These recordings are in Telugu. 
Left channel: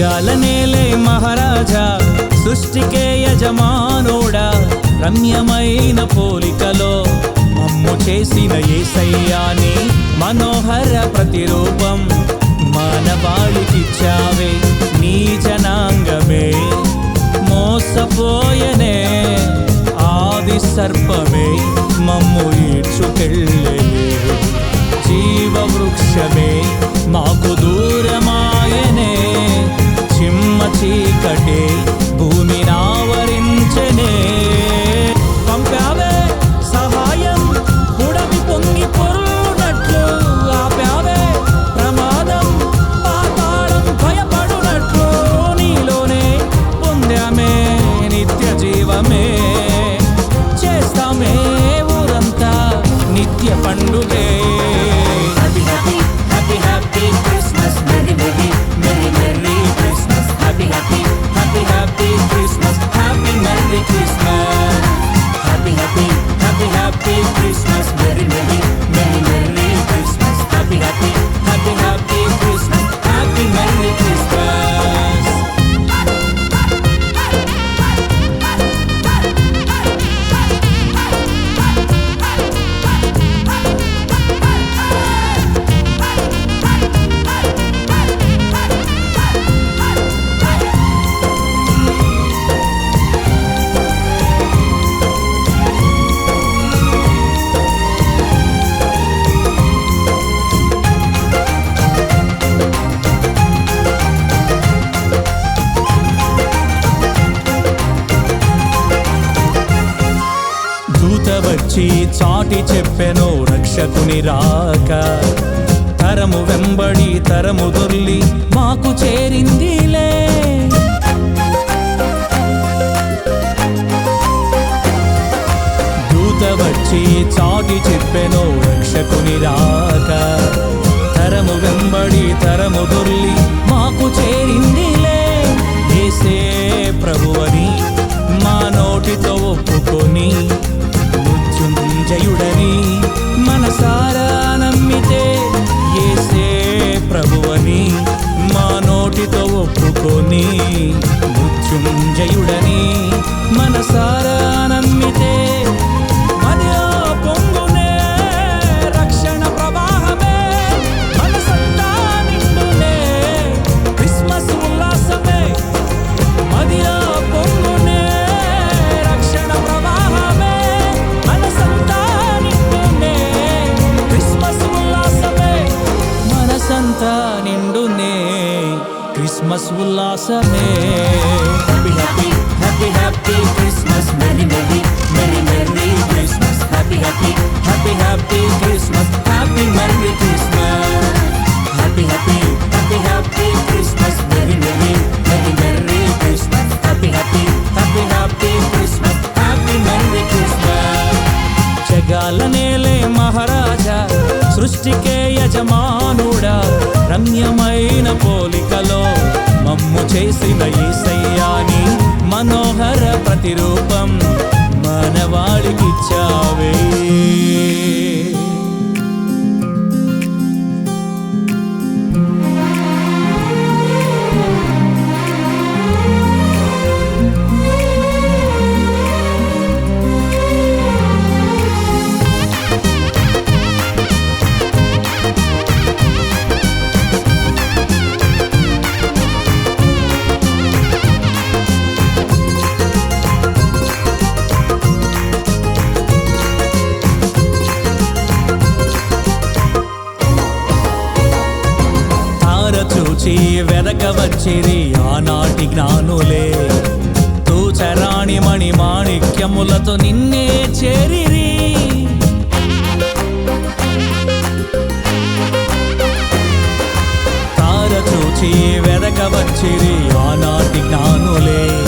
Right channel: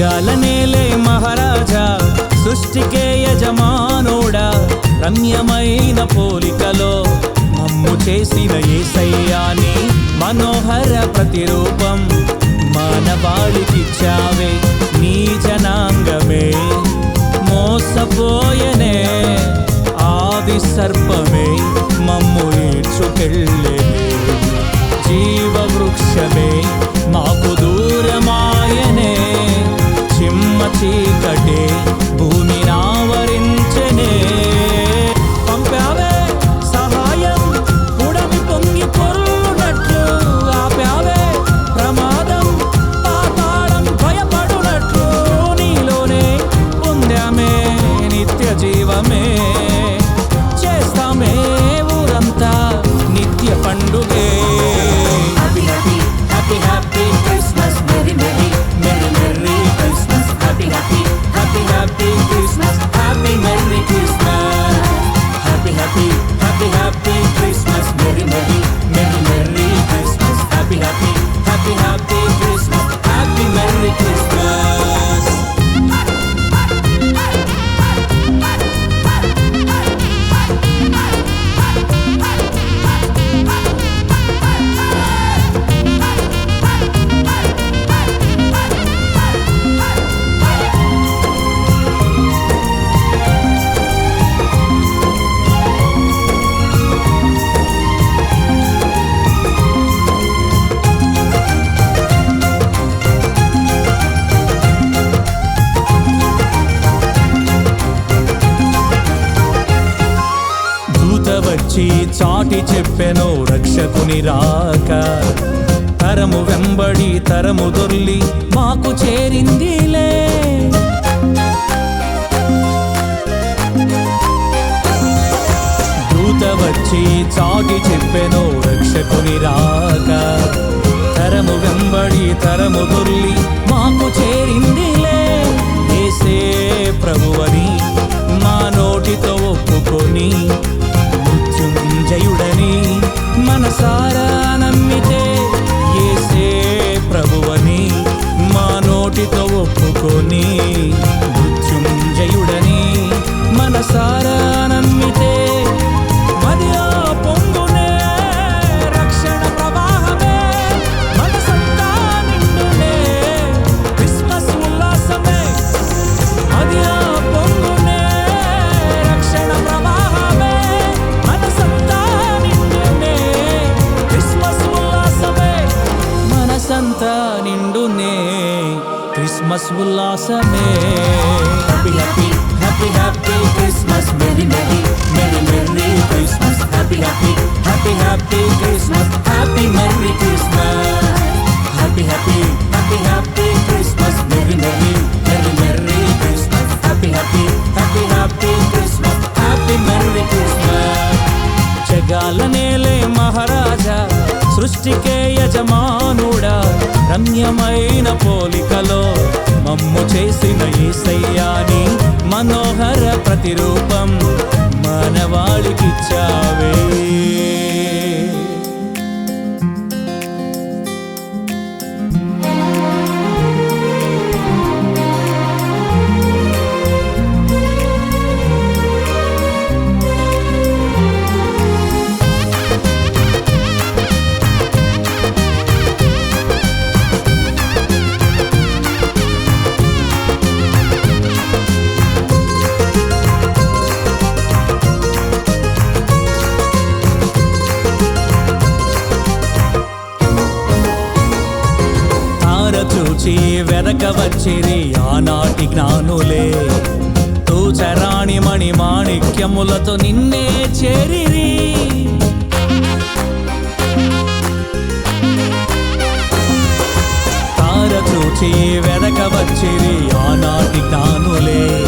జగాల నేలే మహారాజా సృష్టికే యజమానోడా రమ్యమైన పోలికలో మమ్ము చేసిన ఏసయ్యాని మనోహర ప్రతిరూపం మానవాళికిచ్చావే నీ జనాంగమే. మోసపోయనే ఆది సర్పమే మమ్ము ఈడ్చుకెళ్ళలే జీవవృక్షమే మాకు దూరమాయనే చిమ్మ చీకటే భూమి నావరించనే. పంపావే సహాయం పుడమి పొంగి పొర్లునట్లు. ఆపావే ప్రమాదం పాతాళం భయపడునట్లు. నీలోనే పొందామే నిత్య జీవమే చేస్తామే ఊరంతా నిత్య పండుగే. Happy happy happy happy Christmas merry merry merry merry. happy, happy, happy, happy Christmas. Happy, Merry Christmas. Happy, happy, happy, happy Christmas. Merry, Merry, Merry, Merry Christmas. Happy, happy, happy, happy Christmas. Happy, Merry Christmas. వచ్చి చాటి చెప్పెను రక్షకుని రాక. తరము వెంబడి తరము దొర్లి మాకు చేరిందిలే. దూత వచ్చి చాటి చెప్పెను రక్షకుని రాక. తరము వెంబడి తరము దొర్లి మాకు చేరిందిలే. ఏసే ప్రభువని మా నోటితో ఒప్పుకొని మృత్యుంజయుడని మనసారా నమ్మితే ఏసే ప్రభువని మా నోటితో ఒప్పుకొని మృత్యుంజయుడని మనసారా నమ్మితే మదిలో పొంగు మనసంతా నిండునే. Christmas ఉల్లాసమే. Happy happy happy happy Christmas merry merry merry merry Christmas happy happy happy happy Christmas happy merry Christmas happy happy happy happy Christmas merry merry merry merry Christmas happy happy happy happy Christmas happy merry Christmas జగాల నేలే మహారాజా. సృష్టికే యజమానుడా రమ్యమైన పోలికలో మమ్ము చేసిన ఈసయ్యాని మనోహర ప్రతిరూపం మనవాళికిచ్చావే. చూచి వెదక వచ్చిరి ఆనాటి జ్ఞానులే. తూచరాణి మణి మాణిక్యములతో నిన్నే చేరిరి. తార చూచి వెదక వచ్చిరి ఆనాటి జ్ఞానులే.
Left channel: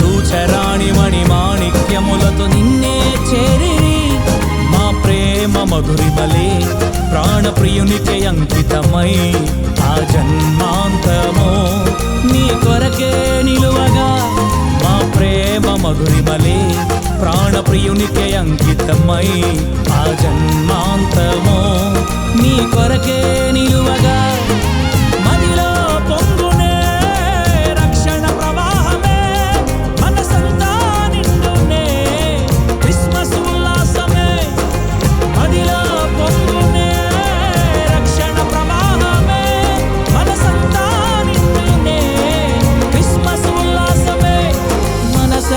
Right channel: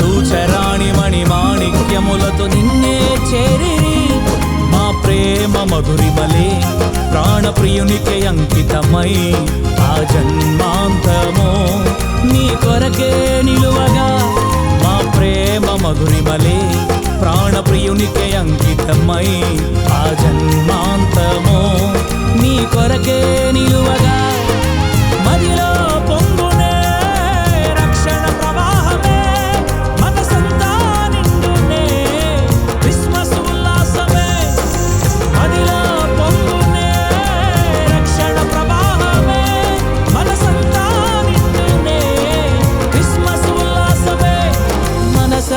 తూచరాణి మణి మాణిక్యములతో నిన్నే చేరిరి. ప్రేమ మధురిమలే ప్రాణప్రియునికే అంకితమై ఆ జన్మాంతము నీ కొరకే నిలువగా మా ప్రేమ మధురిమలే ప్రాణప్రియునికే అంకితమై ఆ జన్మాంతము నీ కొరకే నిలువగా మదిలో పొంగు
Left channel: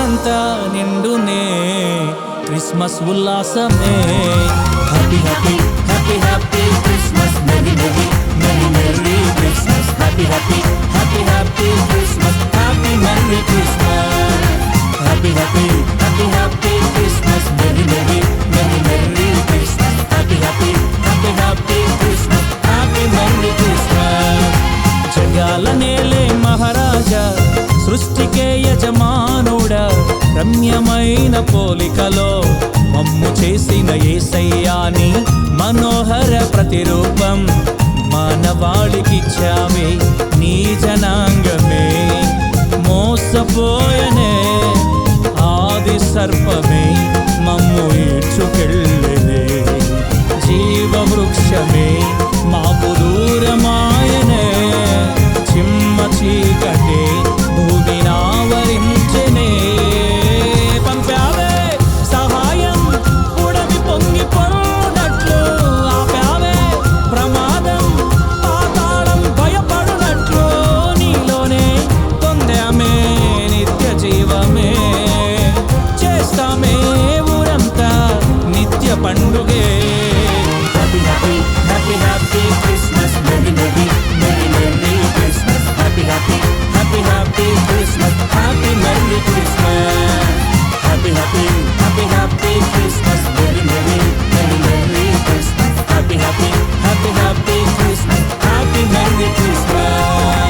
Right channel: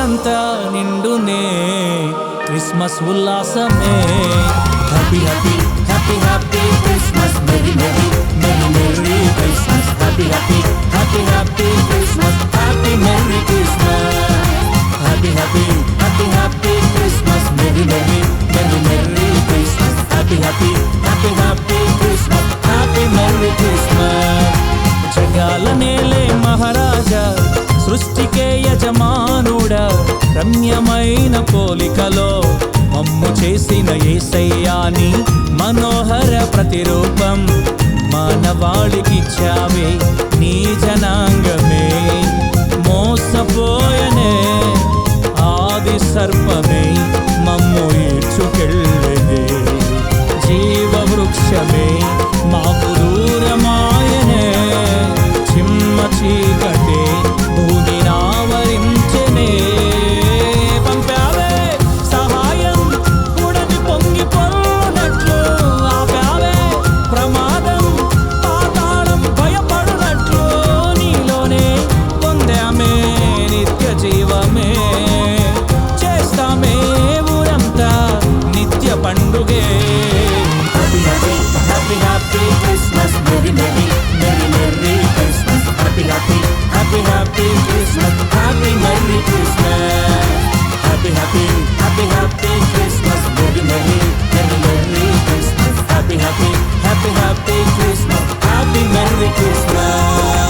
మనసంతా నిండునే Christmas ఉల్లాసమే. Happy happy happy happy Christmas merry merry merry merry Christmas happy happy happy happy Christmas happy merry Christmas happy happy happy happy Christmas merry merry merry merry Christmas happy happy happy happy Christmas happy merry Christmas జగాల నేలే మహారాజా సృష్టికే యజమానుడా రమ్యమైన పోలికలో మమ్ము చేసిన ఏసయ్యాని మనోహర ప్రతిరూపం మానవాళికిచ్చావే నీ జనాంగమే. మోసపోయనే ఆది సర్పమే మమ్ము ఈడ్చుకెళ్ళనే. జీవవృక్షమే మాకు దూరమాయనే. చిమ్మ చీకటే భూమినావరించనే సంతోషమే ఊరంతా నిత్య పండుగే. Happy happy happy happy Christmas merry merry merry merry Christmas happy happy happy happy Christmas happy merry Christmas happy happy happy happy Christmas merry merry merry merry Christmas happy happy happy happy Christmas happy merry Christmas